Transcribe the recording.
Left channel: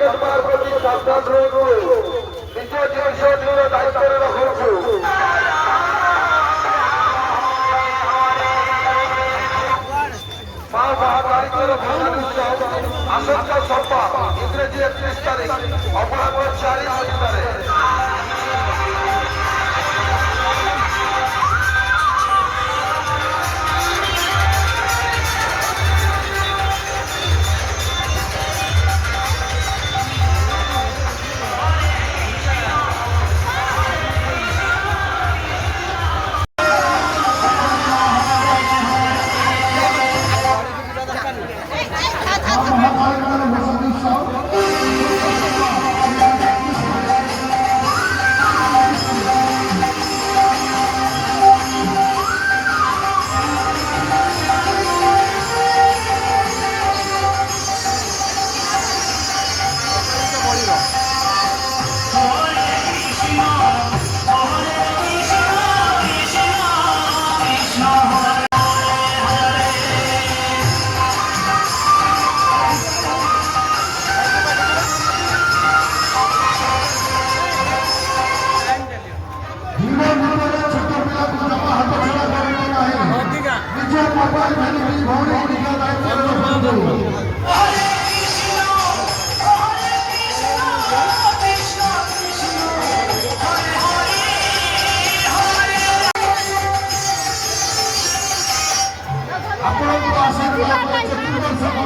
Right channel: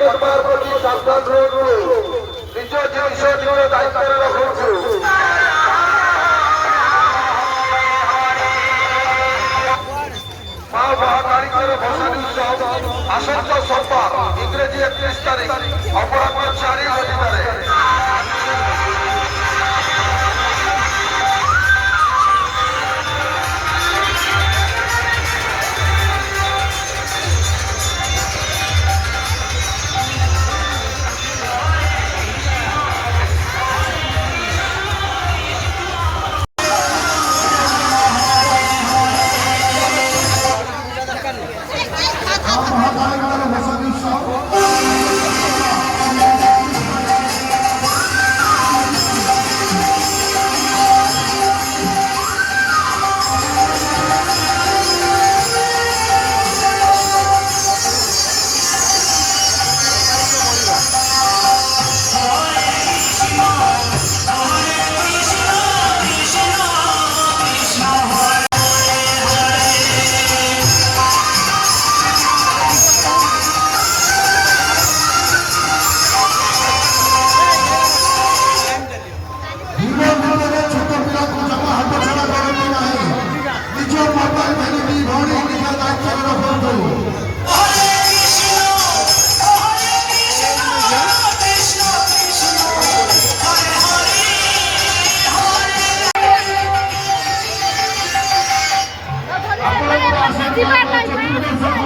ପକେଟ ମାର ପ୍ରତି ସାବଧାନ ରୁହନ୍ତୁ। ନିଜ ଜିନିଷ ନିଜ ଦାୟିତ୍ୱରେ ରଖନ୍ତୁ। ମା ମହାକାଳୀଙ୍କର ଭସାଣି ଉତ୍ସବ ଆସନ୍ତା ସୋମବାର ଇଂରେଜୀ 31 ତାରିଖ ଅପରାହ୍ନ 4:00 Terima kasih.